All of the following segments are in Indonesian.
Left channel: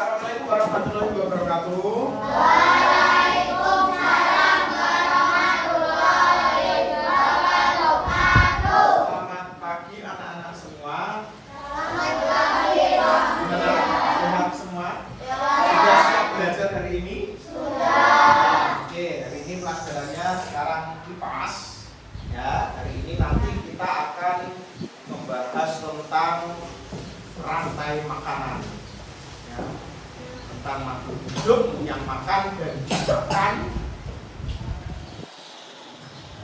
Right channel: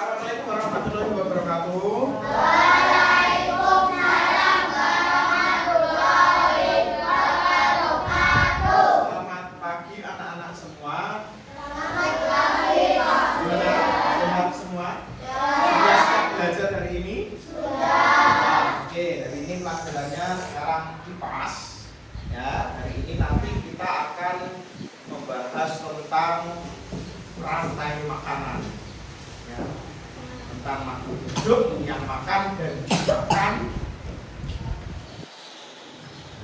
Assalamualaikum warahmatullahi wabarakatuh. Waalaikumsalam warahmatullahi wabarakatuh. Selamat pagi anak-anak semua. Selamat pagi. Gimana? Sehat semua? Ya. Sudah siap belajar hari ini? Sudah. Oke, hari ini pelajarannya sekarang kipas. Ya, hari ini nanti kita akan membahas tentang rantai makanan. Ya, tentang makhluk hidup yang makan dan dimakan.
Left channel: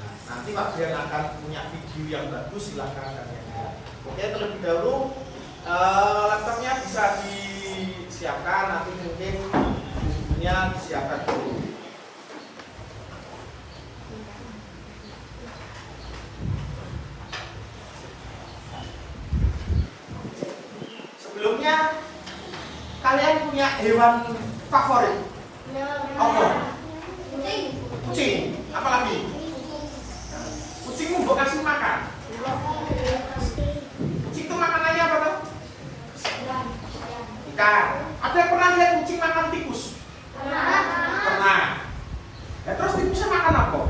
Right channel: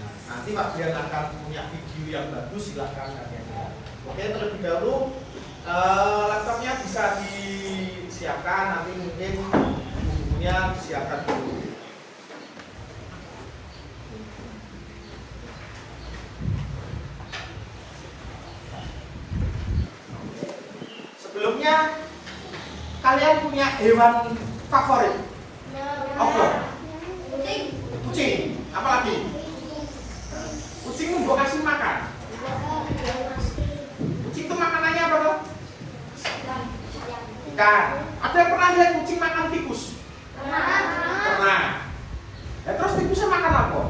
Nah, nanti Pak Brian akan punya video yang bagus, silahkan kalian lihat. Oke, terlebih dahulu laptopnya bisa disiapkan, nanti mungkin bukunya disiapkan dulu. Sebelumnya kalian punya hewan favorit? Apa? Kucing. Apa lagi? Kucing mau kasih makan. Kucing itu makanannya apa tuh? Ikan. Ada yang pernah lihat kucing makan tikus? Pernah. Ya, terus tikusnya makan apa?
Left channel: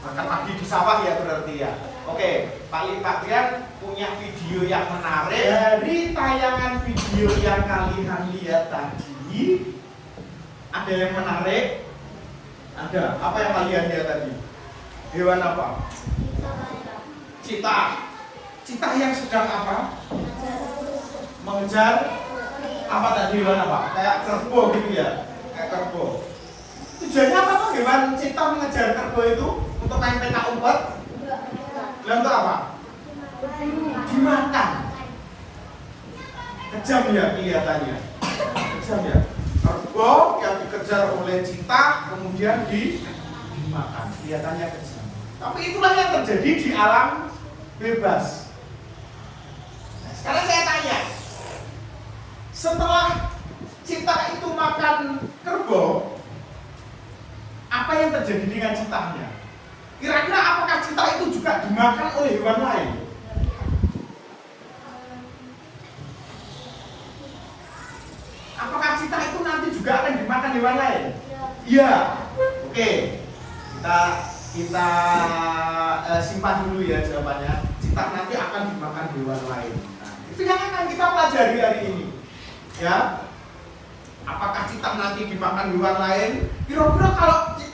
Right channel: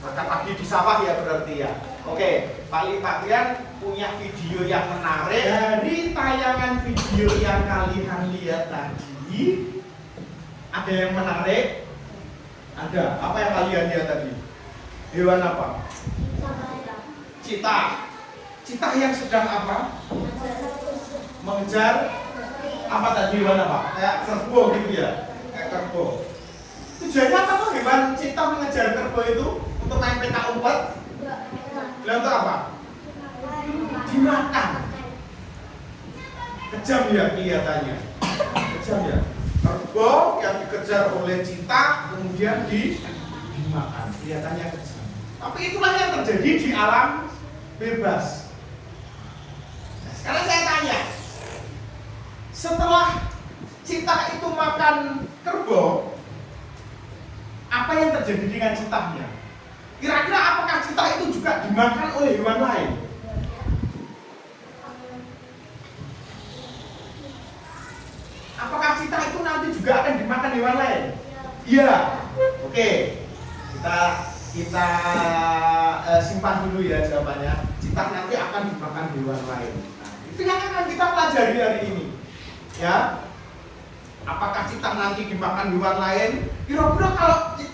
Makan pagi di sawah ya berarti ya. Oke, Pak Brian punya video yang menarik. Dari tayangan video yang kalian lihat tadi, ada yang menarik? Ada. Apa yang kalian lihat tadi? Hewan apa? Cita. Cita yang sedang apa? Mengejar apa tadi, hewan apa? Kayak kerbau gitu ya? Kayak kerbau. Tujuannya apa tuh hewan cita mengejar kerbau itu? Untuk main petak umpet? Dan untuk apa? Dimakan. Kejam ya kelihatannya. Kejam ya. Kerbau yang dikejar oleh cita kemudian dimakan. Kelihatannya kejam. Tapi itulah yang terjadi di alam bebas. Nah, sekarang saya tanya, setelah cita itu makan kerbau, apa yang terjadi dengan citanya? Kira-kira apakah cita itu juga dimakan oleh hewan lain? Apakah cita itu nanti juga akan dimakan hewan lain? Iya. Oke. Kita simpan dulu ya jawabannya. Cita nanti akan dimakan hewan lain. Nah, itu yang akan kita pelajari hari ini. Ya. Apakah cita nanti dimakan hewan lain? Kira-kira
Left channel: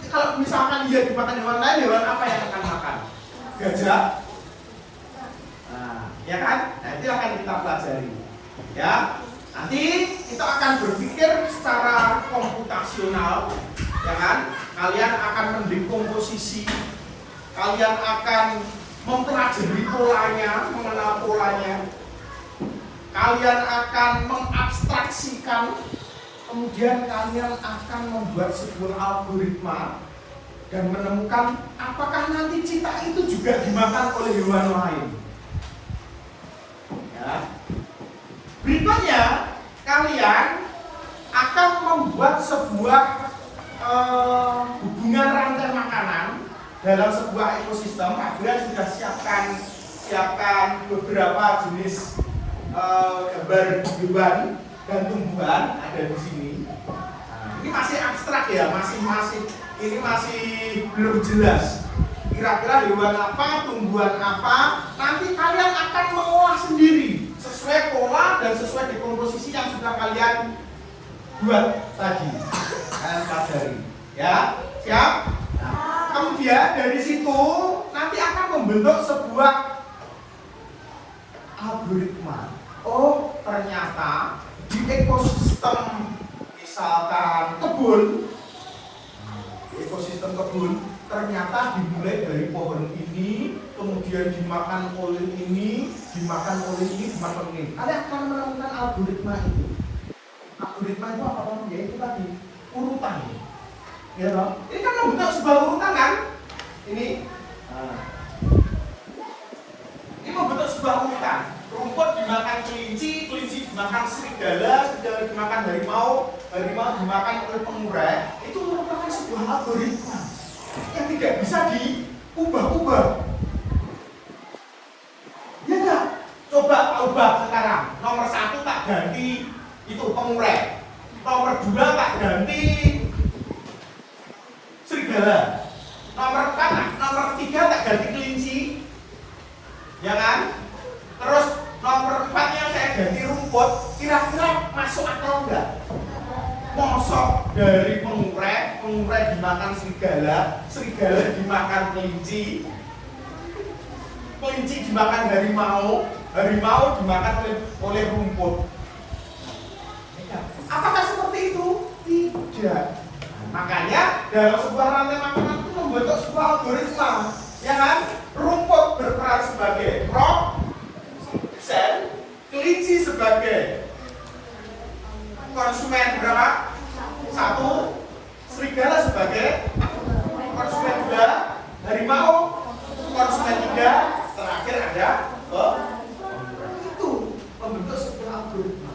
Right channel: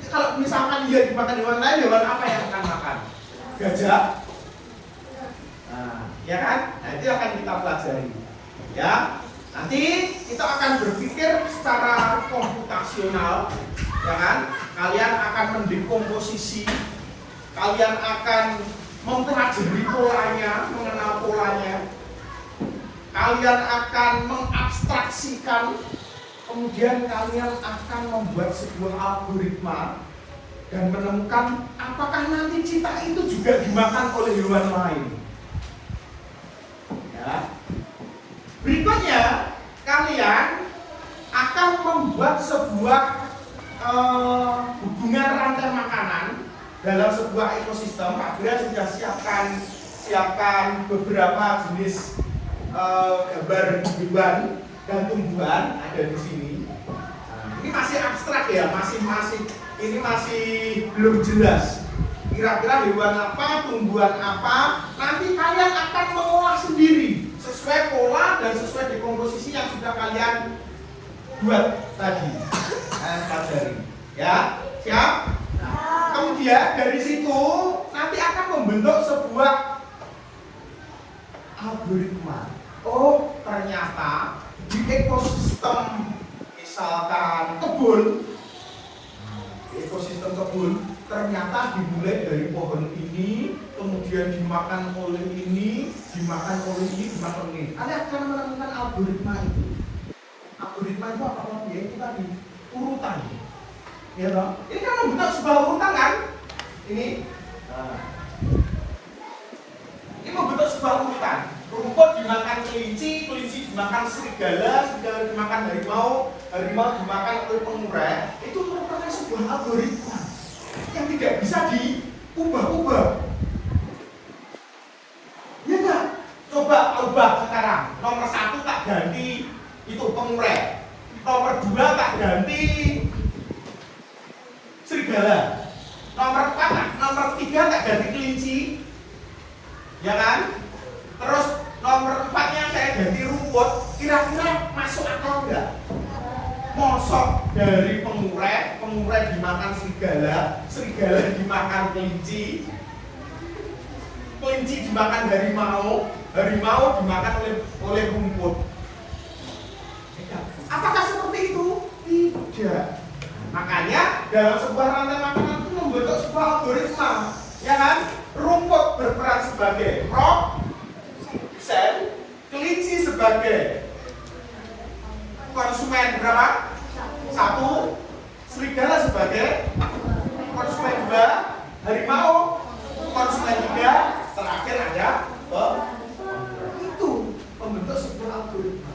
kalau misalkan dia dimakan hewan lain, hewan apa yang akan makan? Gajah? Nah, ya kan? Nah, itu akan kita pelajari. Ya, nanti kita akan berpikir secara komputasional, ya kan? Kalian akan mendekomposisi, kalian akan mempelajari polanya, mengenal polanya. Kalian akan mengabstraksikan. Kemudian kalian akan membuat sebuah algoritma dan menemukan apakah nanti cita itu juga dimakan oleh hewan lain. Ya. Berikutnya kalian akan membuat sebuah hubungan rantai makanan dalam sebuah ekosistem. Pak Brian sudah siapkan beberapa jenis gambar hewan dan tumbuhan ada di sini. Nah, ini masih abstrak ya, ini masih belum jelas. Kira-kira hewan apa, tumbuhan apa, nanti kalian akan mengolah sendiri sesuai pola dan sesuai dekomposisi yang sudah kalian buat tadi. Kalian pelajari, ya, siap? Nah, kemudian dari situ nanti akan membentuk sebuah algoritma. Oh, ternyata di ekosistem misalkan kebun, ekosistem kebun ternyata dimulai dari pohon ini, kemudian dimakan oleh ini, dimakan oleh ini, dimakan oleh ini. Anda akan menemukan algoritma itu. Algoritma itu apa? Ya itu tadi urutan. Ya toh? Ini kan membentuk sebuah urutan kan? Ini. Nah. Ini membentuk sebuah urutan. Rumput dimakan kelinci, kelinci dimakan serigala, serigala dimakan harimau, harimau dimakan oleh pengurai. Itu merupakan sebuah algoritma yang tidak bisa diubah-ubah. Ya enggak? Coba ubah sekarang. rumput, kira-kira masuk akal enggak? Mosok dari penguret dimakan serigala, serigala dimakan kelinci, kelinci dimakan harimau, harimau dimakan oleh rumput. Apakah seperti itu? Tidak. Makanya dalam sebuah rantai makanan itu membentuk sebuah algoritma, ya kan? Rumput berperan sebagai rock, sel, kelinci sebagai konsumen berapa? 1, serigala sebagai konsumen 2, harimau konsumen 3, terakhir ada itu membentuk sebuah algoritma.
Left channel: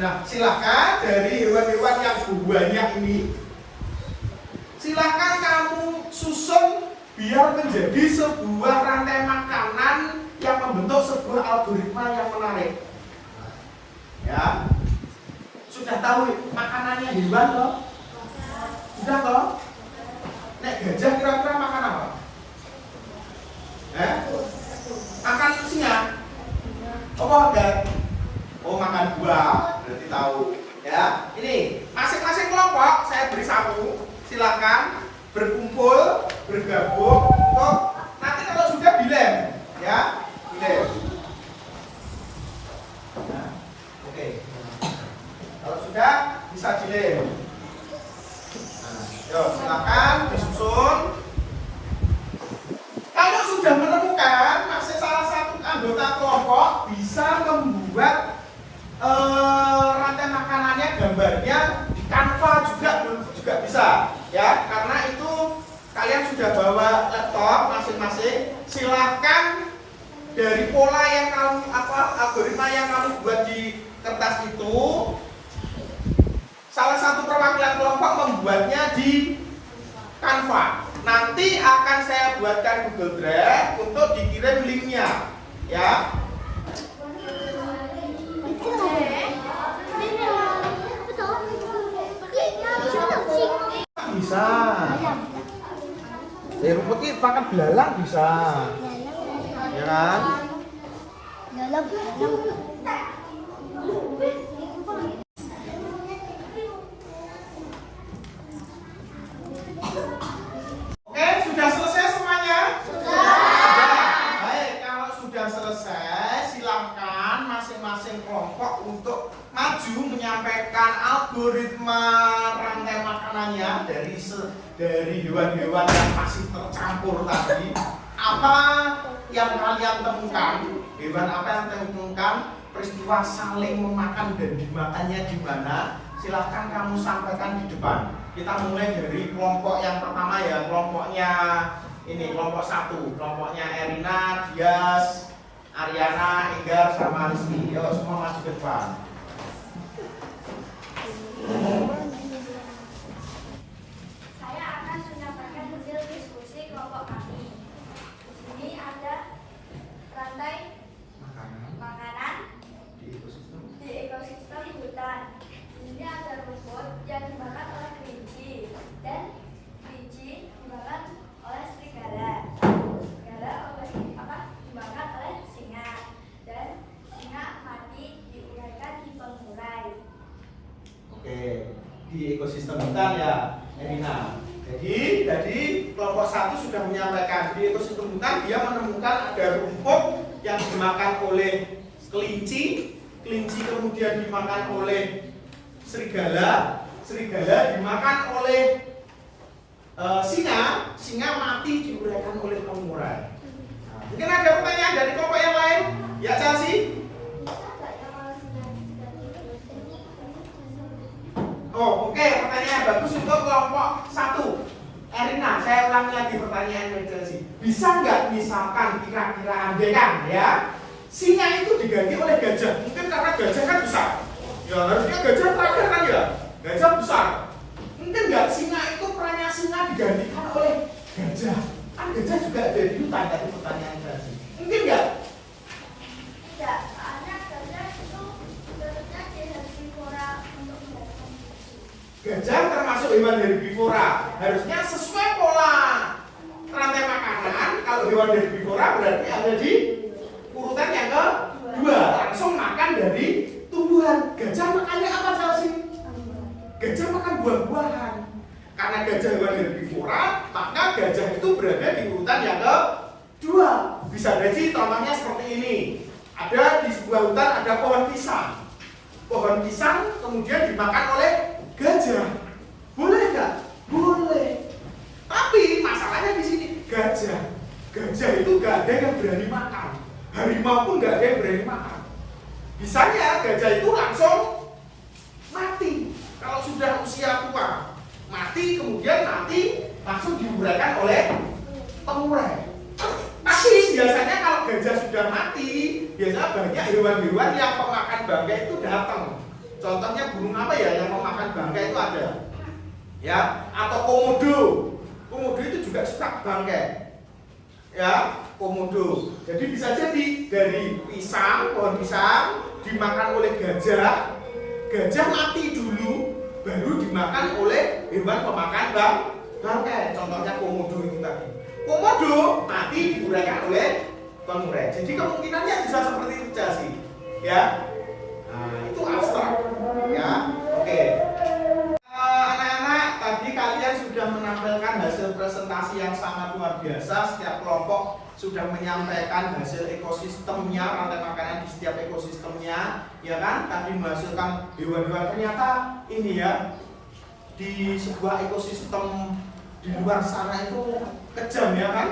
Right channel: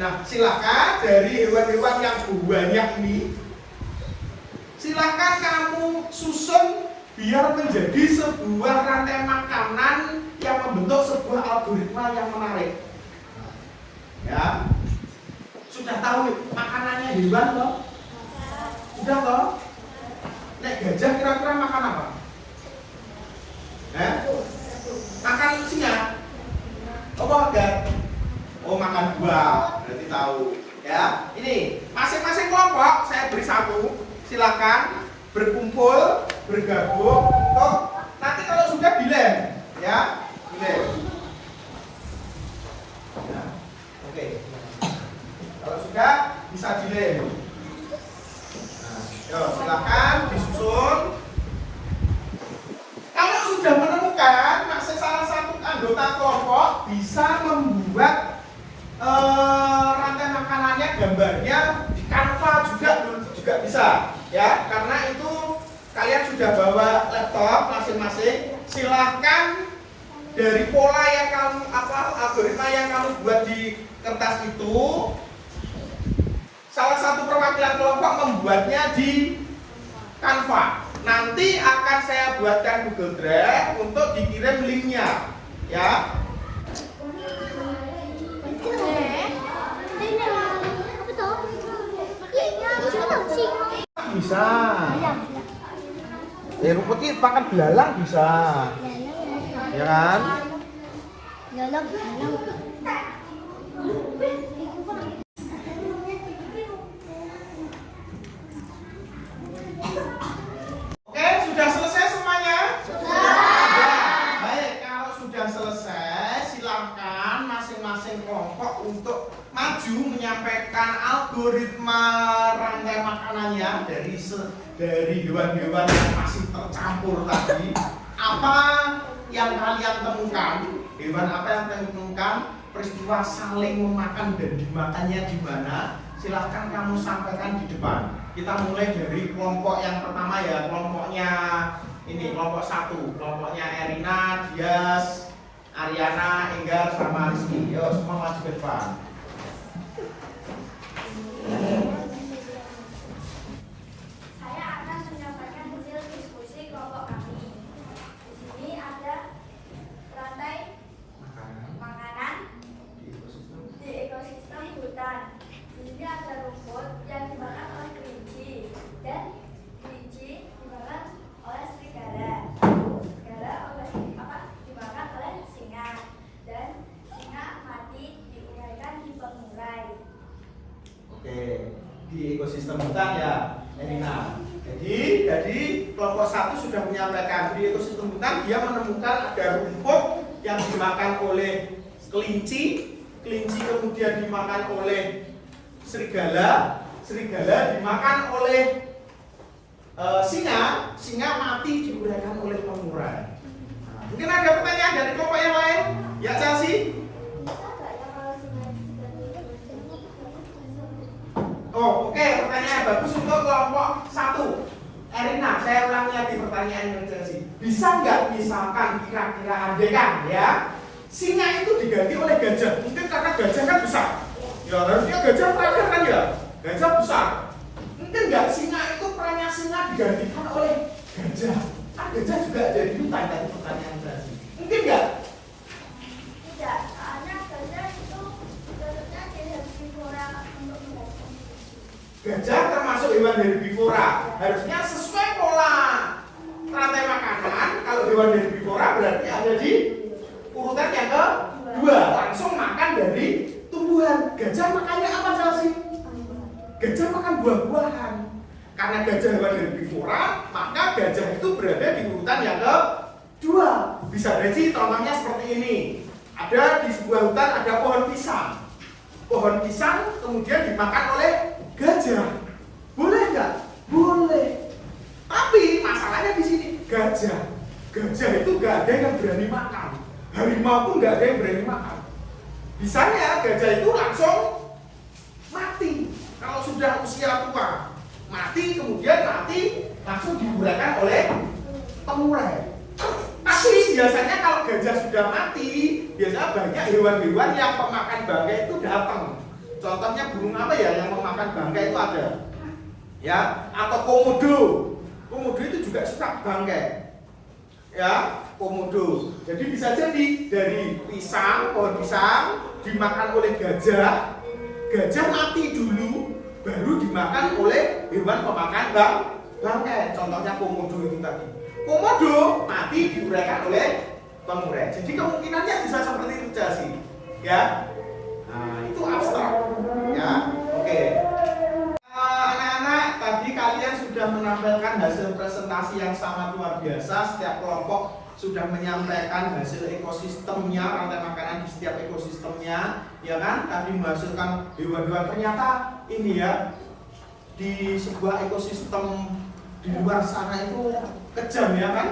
Nah, silakan dari hewan-hewan yang banyak ini, silakan kamu susun biar menjadi sebuah rantai makanan yang membentuk sebuah algoritma yang menarik. Ya, sudah tahu makanannya hewan toh? Sudah toh? Nek gajah kira-kira makan apa? Makan singa? Apa enggak? Oh, makan buah. Berarti tahu. Ya, ini masing-masing kelompok saya beri satu. Silakan berkumpul, bergabung. Toh, nanti kalau sudah dilem, ya, dilem. Ya, oke. Kalau sudah bisa dilem. Nah, silakan disusun. Kalau sudah menemukan, masih salah satu anggota kelompok bisa membuat rantai makanannya, gambarnya di Canva juga bisa, ya. Karena itu kalian sudah bawa laptop masing-masing. Silahkan dari pola yang kamu algoritma yang kamu buat di kertas itu, salah satu perwakilan kelompok membuatnya di Canva. Nanti akan saya buatkan Google Drive untuk dikirim linknya, ya. Bisa. Rumput ini pakan belalang bisa. Ya kan? Belalang. Oke, sudah selesai semuanya? Sudah. Baik, kalau sudah selesai, silakan masing-masing kelompok untuk maju menyampaikan algoritma rantai makanannya dari hewan-hewan yang masih tercampur tadi. Apa yang kalian temukan? Hewan apa yang kalian temukan? Peristiwa saling memakan dan dimakannya di mana? Silahkan kamu sampaikan di depan. Kita mulai dari kelompok yang pertama, ya, kelompoknya ini, kelompok 1, kelompoknya Erina, Dias, Ariana, Enggar, sama Rizky. Yo, semua maju ke depan. Saya akan menyampaikan hasil diskusi kelompok kami. Di sini ada rantai makanan di ekosistem hutan. Di sini ada rumput yang dimakan oleh kelinci dan kelinci dimakan oleh serigala. Serigala dimakan oleh singa dan singa mati diuraikan di pengurai. Oke, di ekosistem hutan, ya, Erina. Jadi kelompok 1 sudah menyampaikan di ekosistem hutan dia menemukan ada rumput yang dimakan oleh kelinci, kelinci kemudian dimakan oleh serigala, serigala dimakan oleh singa, singa mati diuraikan oleh pengurai. Nah, mungkin ada pertanyaan dari kelompok yang lain? Ya, Chelsea? Oh, oke, pertanyaan bagus untuk kelompok 1. Erina, saya ulangi lagi pertanyaan Chelsea. Bisa nggak misalkan kira-kira andekan, ya, singa itu diganti oleh gajah? Mungkin karena gajah kan besar. Ya, harusnya gajah terakhir kan, ya, gajah besar. Mungkin nggak singa itu perannya singa digantikan oleh gajah? Kan gajah juga ada di hutan, tadi pertanyaan Chelsea. Mungkin nggak? Tidak, soalnya gajah itu bentuknya herbivora untuk mendapat. Gajah termasuk hewan herbivora. Harusnya sesuai pola rantai makanan. Kalau hewan herbivora berarti ada di urutan yang kedua, langsung makan dari tumbuhan. tumbuhan. Gajah makannya apa sih? Gajah makan buah-buahan. Karena gajah hewan herbivora, maka gajah itu berada di urutan yang kedua. Bisa jadi contohnya seperti ini. Ada di sebuah hutan ada pohon pisang. Pohon pisang kemudian dimakan oleh gajah. Boleh nggak? Boleh. Tapi masalahnya di sini gajah itu nggak ada yang berani makan. Harimau pun nggak ada yang berani makan. Bisanya gajah itu langsung mati kalau sudah usia tua. Mati kemudian langsung diuraikan oleh pengurai. Tapi biasanya kalau gajah sudah mati, biasanya banyak hewan-hewan yang pemakan bangkai itu datang. Contohnya burung apa ya yang memakan bangkai itu ada, ya, atau komodo. Komodo itu juga suka bangkai, ya, komodo. Jadi bisa jadi dari pohon pisang dimakan oleh gajah, gajah mati dulu, baru dimakan oleh hewan pemakan bangkai. Contohnya komodo itu tadi. Komodo mati diuraikan oleh pengurai. Jadi kemungkinannya bisa seperti itu sih, ya. Nah, itu abstrak, ya. Oke. Anak-anak, tadi kalian sudah menampilkan hasil presentasi yang sangat luar biasa. Setiap kelompok sudah menyampaikan hasil ekosistemnya, rantai makanan di setiap ekosistemnya, ya kan? Tadi menghasilkan hewan-hewan. Ternyata ini ya, di sebuah ekosistem di luar sana itu kejam, ya kan?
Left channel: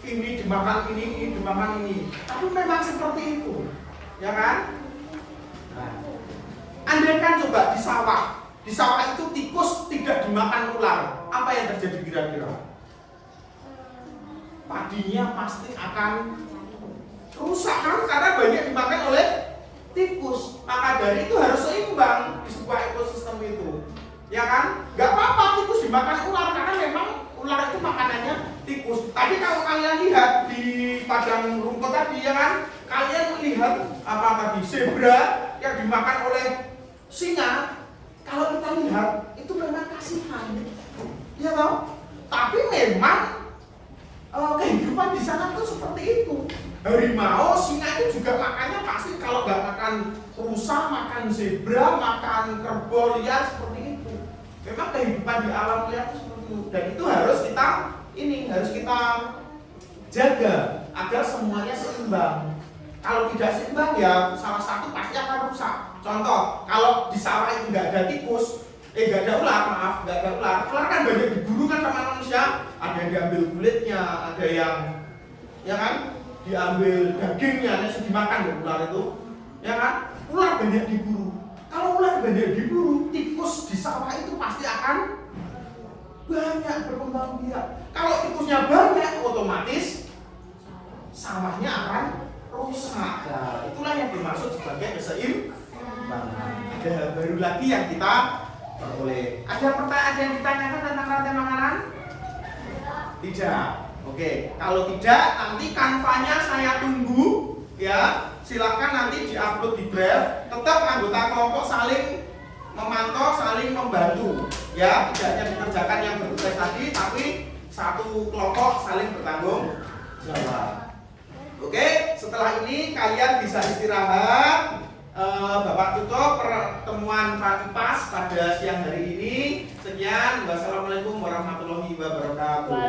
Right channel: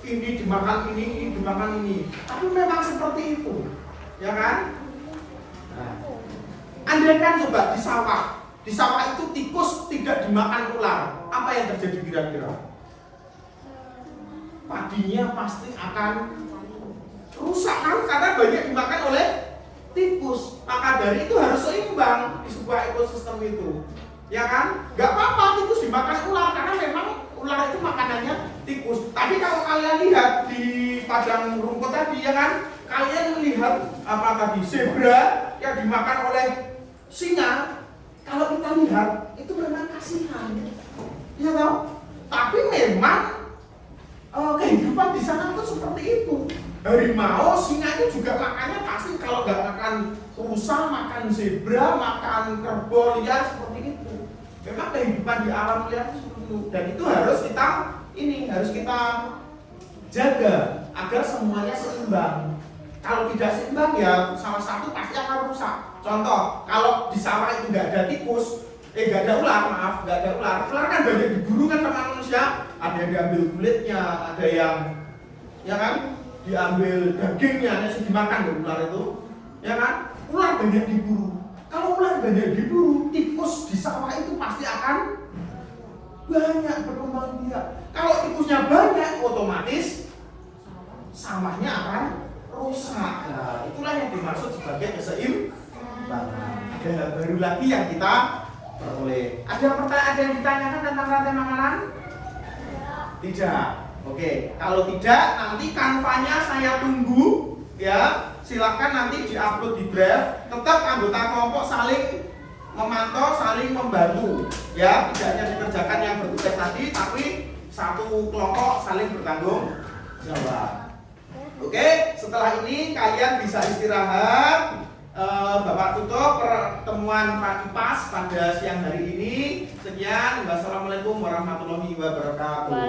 Ini dimakan ini dimakan ini. Tapi memang seperti itu, ya kan? Nah, andaikan coba di sawah itu tikus tidak dimakan ular, apa yang terjadi kira-kira? Padinya pasti akan rusak kan, karena banyak dimakan oleh tikus. Maka dari itu harus seimbang di sebuah ekosistem itu, ya kan? Gak apa-apa tikus dimakan ular, karena memang ular itu makanannya tikus. Tapi kalau kalian lihat di padang rumput tadi, ya kan, kalian melihat apa tadi, zebra yang dimakan oleh singa. Kalau kita lihat itu memang kasihan, ya toh. Tapi memang kehidupan di sana itu seperti itu. Harimau, singa itu juga makannya pasti kalau nggak makan rusa, makan zebra, makan kerbau liar seperti itu. Memang kehidupan di alam liar itu seperti itu. Dan itu harus kita jaga agar semuanya seimbang. Kalau tidak seimbang ya salah satu pasti akan rusak. Contoh, kalau di sawah itu nggak ada tikus, nggak ada ular, nggak ada ular. Ular kan banyak diburu kan sama manusia. Ada yang diambil kulitnya, ada yang, ya kan, diambil dagingnya, langsung dimakan ular itu, ya kan? Ular banyak diburu. Kalau ular banyak diburu, tikus di sawah itu pasti akan banyak berkembang biak. Kalau tikusnya banyak, otomatis sawahnya akan rusak. Nah, itulah yang dimaksud sebagai keseimbangan. Ada hal baru lagi yang kita peroleh. Ada yang ditanyakan tentang rantai makanan? Tidak. Oke, kalau tidak nanti kanvanya saya tunggu, ya. Silakan nanti diupload di Drive. Tetap anggota kelompok saling memantau, saling membantu, ya. Tidak hanya dikerjakan yang bertugas tadi, tapi satu kelompok saling bertanggung jawab. Oke, setelah ini kalian bisa istirahat. Bapak tutup pertemuan Pas pada siang hari ini. Sekian, wassalamualaikum warahmatullahi wabarakatuh.